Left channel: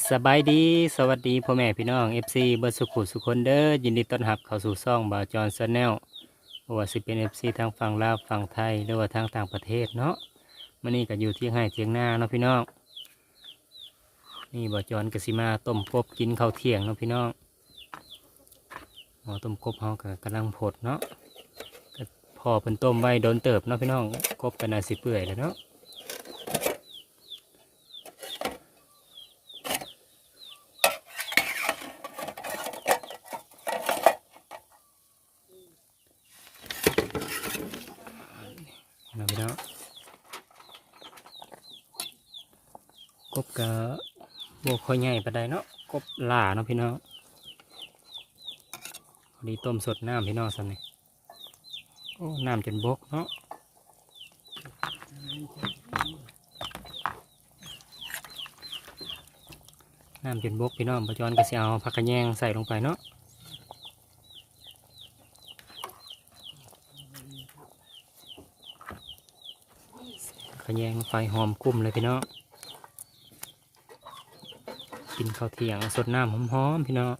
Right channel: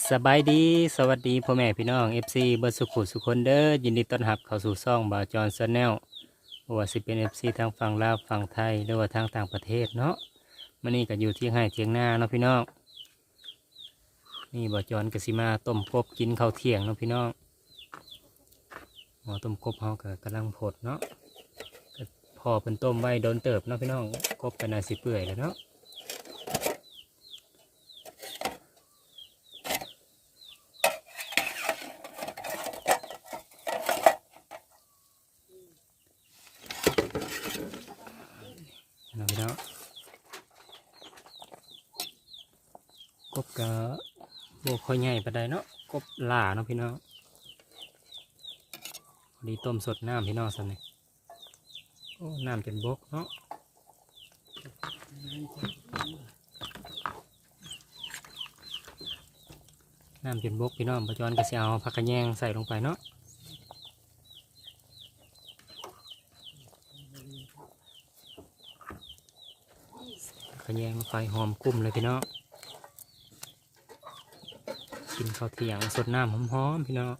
สบายดี สวัสดีพ่อแม่พี่น้อง FC เบิร์สุขุสุคนเด้อยินดีต้อนรับเข้าสู่ซ่องบาจอนซแนลว่าสิเป็น FC ทางฝั่งลาวฝั่งไทยหรือว่าทางต่างประเทศเนาะมื่อนี้ก็อยู่ที่ให้เทียงหน้าเนาะพี่น้องนี่บาจอนกสิมาต้มกบกินข้าวเที่ยงเนาะพี่น้องหมอต้มกบเฮาก็กำลังผดเนาะพอเป็นต้มไว้โดนเติบเนาะพี่น้องกบก็น่าสิเปื่อยแล้วเนาะ นาะพี่น้องกบกะบวค่อยใหญ่ปานใดเนาะกบหล่าเนาะพี่น้องพอดีต้มสดน้ำพี่น้องสันนี่โอ้น้ำจนบกเนาะน้ำจนบกพี่น้องประจอนกระเสียวผักกระแยงใส่ลงไปเนาะ ขยงไฟหอมกุ้มเลยพี่น้องกินข้าวเที่ยงสดน้ำหอมๆพี่น้อง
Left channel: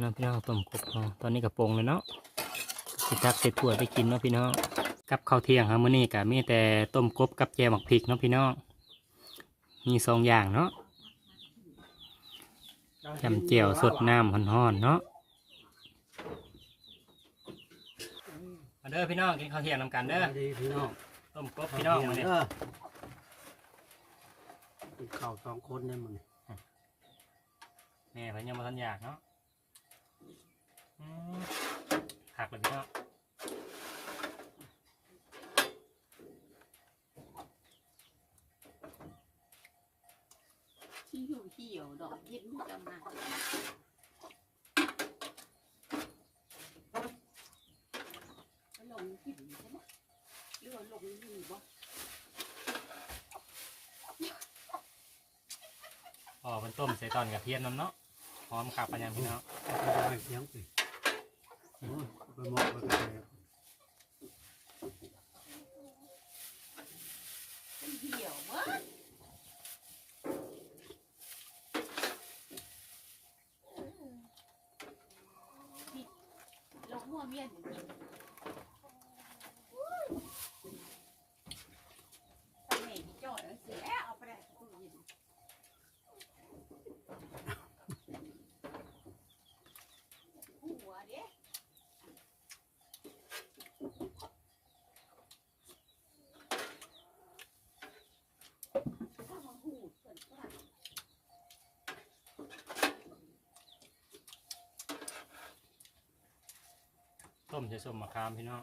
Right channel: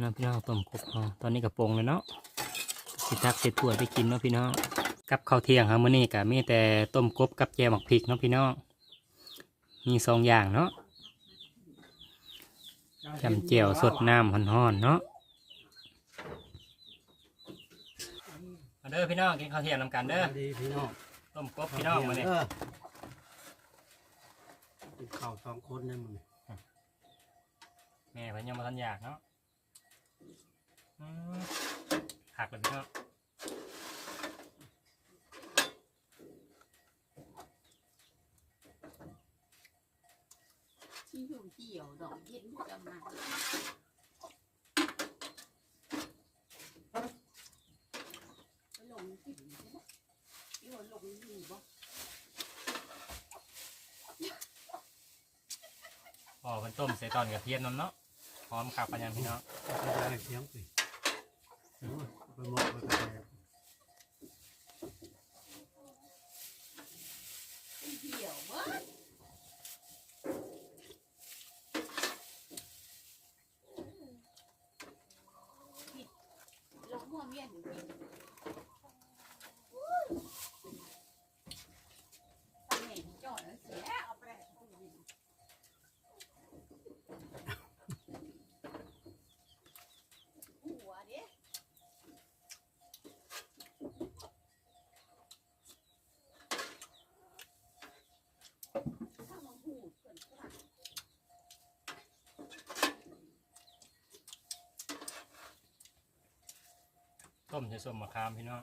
น้องพี่น้องต้มกบพอตอนนี้กระปงเลยเนาะ สิทักเสร็จถ้วยไปกินเนาะพี่น้องกับข้าวเที่ยงครับมื้อนี้ก็มีแต่ต้มกบกับแจวหมักพริกเนาะพี่น้องมีสองอย่างเนาะจำเจียวสดน้ำห่อนๆเนาะมาเด้อพี่น้องกินข้าวเที่ยงนำกันเด้อดีพี่น้องต้มกบพี่น้องมาเนี่ยเออกินข้าวสองคนได้มึงแม่เพิ่นยังมาทันอยากเนาะอืมหักเลยพี่น้อง ที่อยู่เหี่ยวดอกเย็นกำลังลงหินใช่ไหมหรือว่าลงหินบ่พอเป็นต้มใส่ตอนกระเทียมนำเนาะหอมขับปัญญาพี่น้อง ไปได้เสียงไปโอ้ยไปหมดไปกระแทก เหี่ยวมากผิด ลงหัวเมียนผิดทำไงที่จอดแล้วเสียเอาไปได้ตู้เย็นหัวเด้ ข้าวมันหูดเกินค่ะ ต้มใส่ส้มมะขามพี่น้อง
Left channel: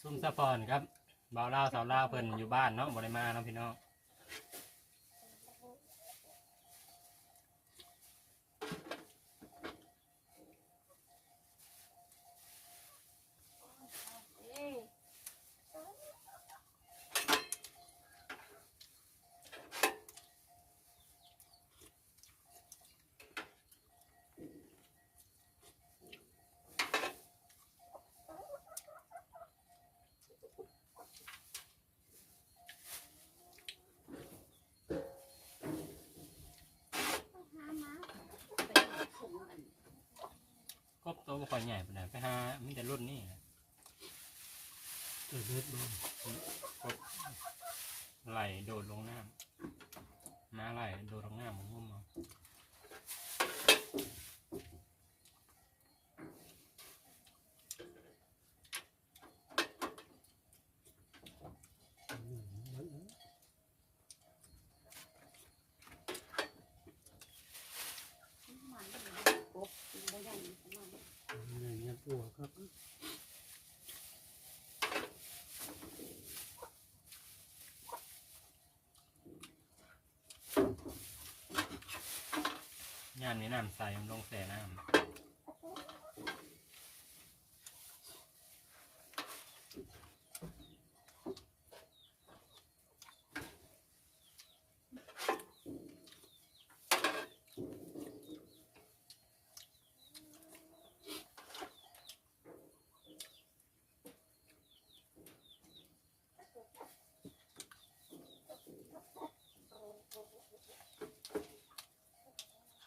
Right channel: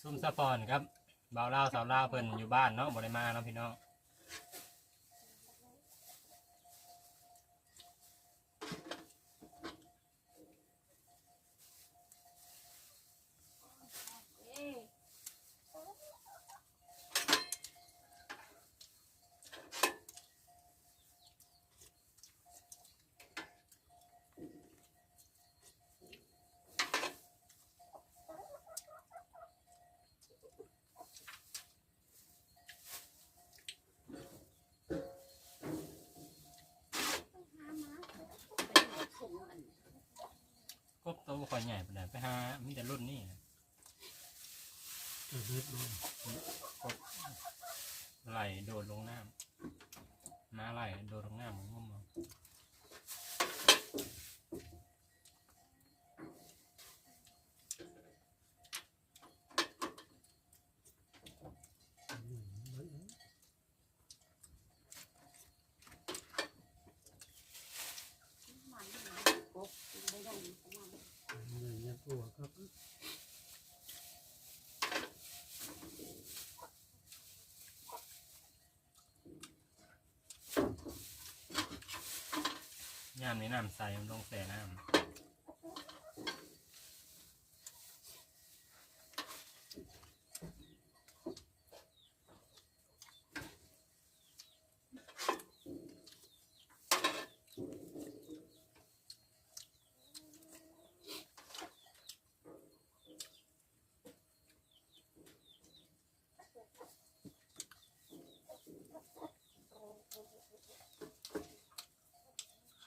ซุ่มสะปอนครับบ่าวลาวสาวลาวเพิ่นอยู่บ้านเนาะบ่ได้มาเนาะพี่น้อง เอ้ย ก บโตวบ่ค่อยใหญ่ปานใดไปหามีแต่รุ่นนี้นะเกิดเลือดบ่กบไหลโดดลงน้ำม้าไหลโดดลงน้ำมันงมเอา มันกบกินได้ยังของมัน เนี่ยยังตัวครับ น้ำนี่น้ำใสมันลงแส่น้ำ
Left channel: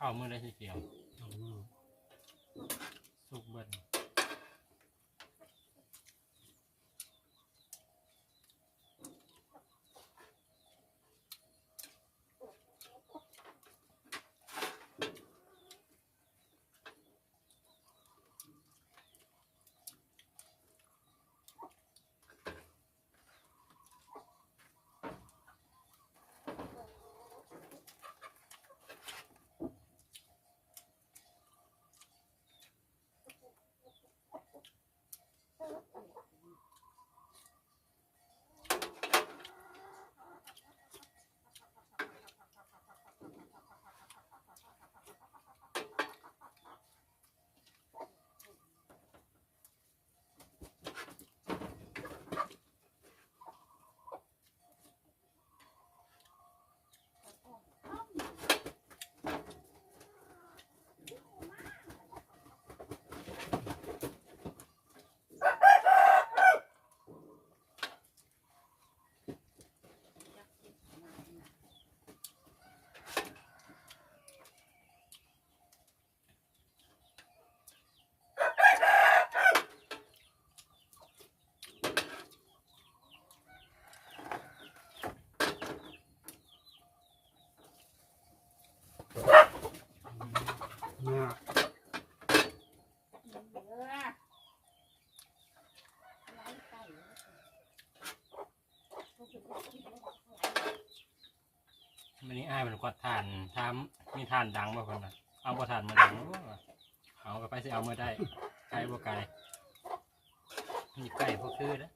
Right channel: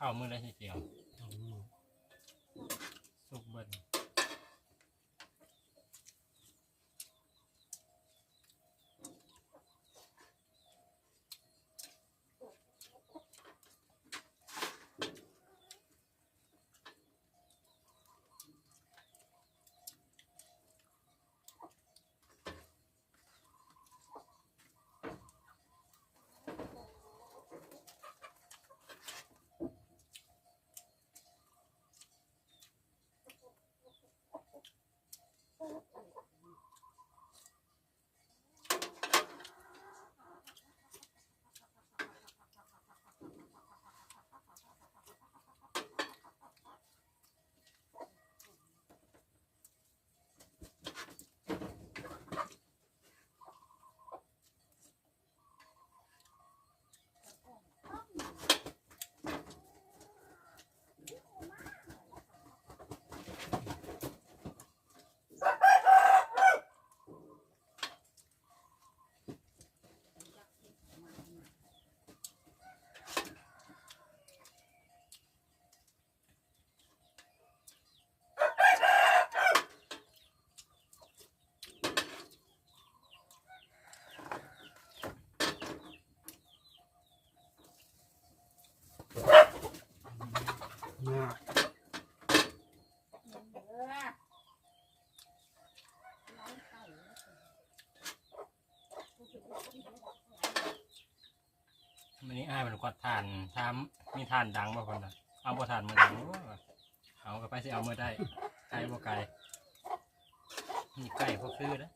ข้าวมือได้ทีเดียวสองมือสุกเบิ้ลานดังบ่คนน่ะเอาบ่ทานมาดังโอ้เอากลับไปสิเอามาได้ไกลบ่ไกลนี่ไก่พวกคือนะ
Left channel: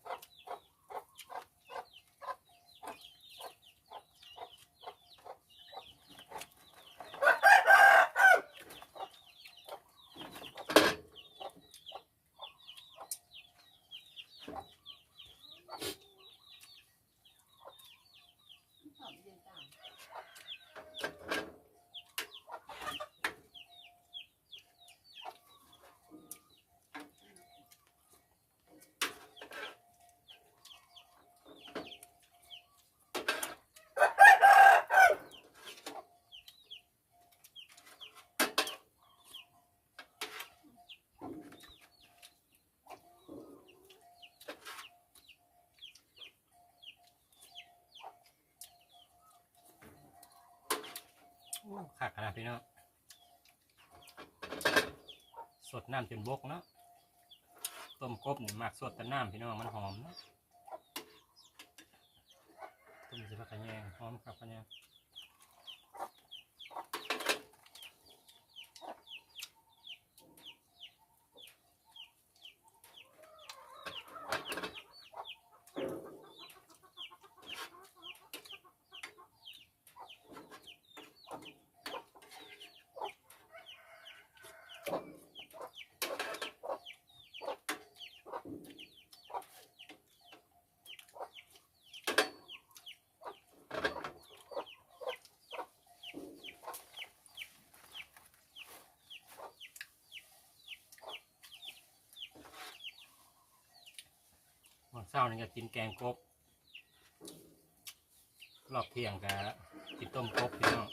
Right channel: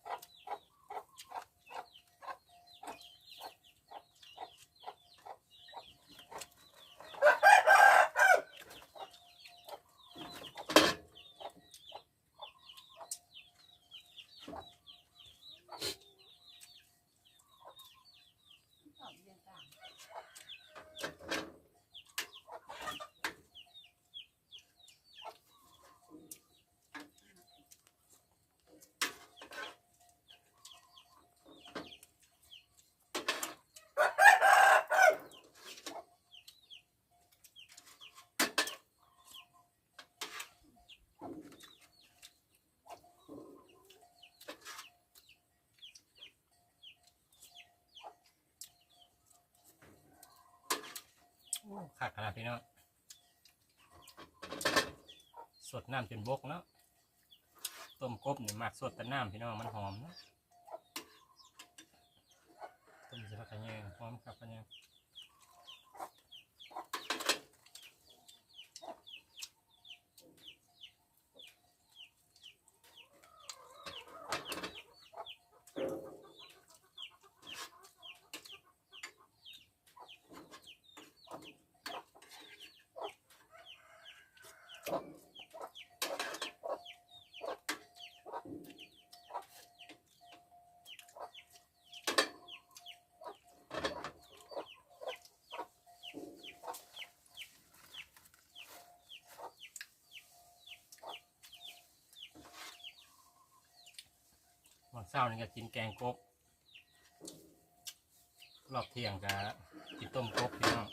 ขาดขนาดพี่เนาะสดน้ำจนบกเนาะต้มกบนี่หมักสดแต่น้ำพี่น้องมันหอมเนาะต้มสิพักกระแยงหอมครับกระแยง วันเช้านี่ก็กินแกงกบรอบเที่ยงก็กินต้มกบพี่น้อง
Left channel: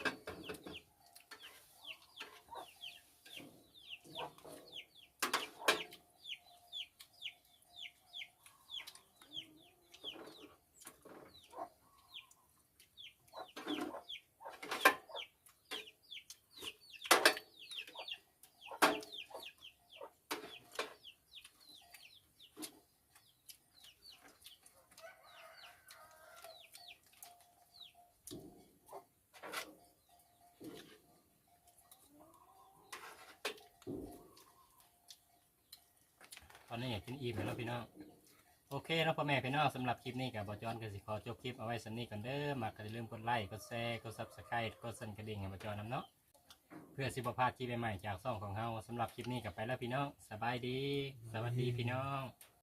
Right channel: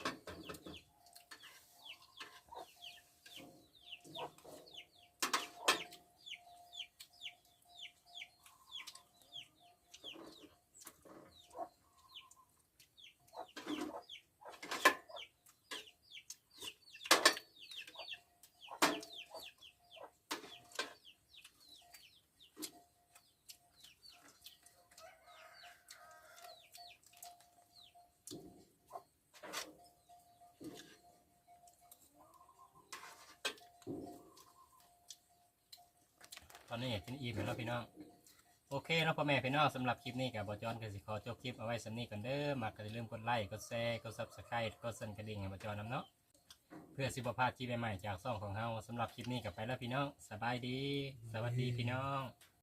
อนนี้กินอิ่มแล้วพี่น้องโอเคเนาะพ่อแม่พี่น้องสำหรับคลิปนี้กับบอจอนก็สิขอจบคลิปเอาไว้สำนี้ก่อนเด้อมากก็อย่าลืมกดไลค์กดแชร์กดซับสไครต์กดสั่นกระดิ่งให้บอจอนนำเนาะเพื่อสิบพลาดคลิปใหม่ๆจากซ่องของเฮาสำหรับคลิปนี้กับไปแล้วพี่น้องสบายดี สวัสดีพี่น้อง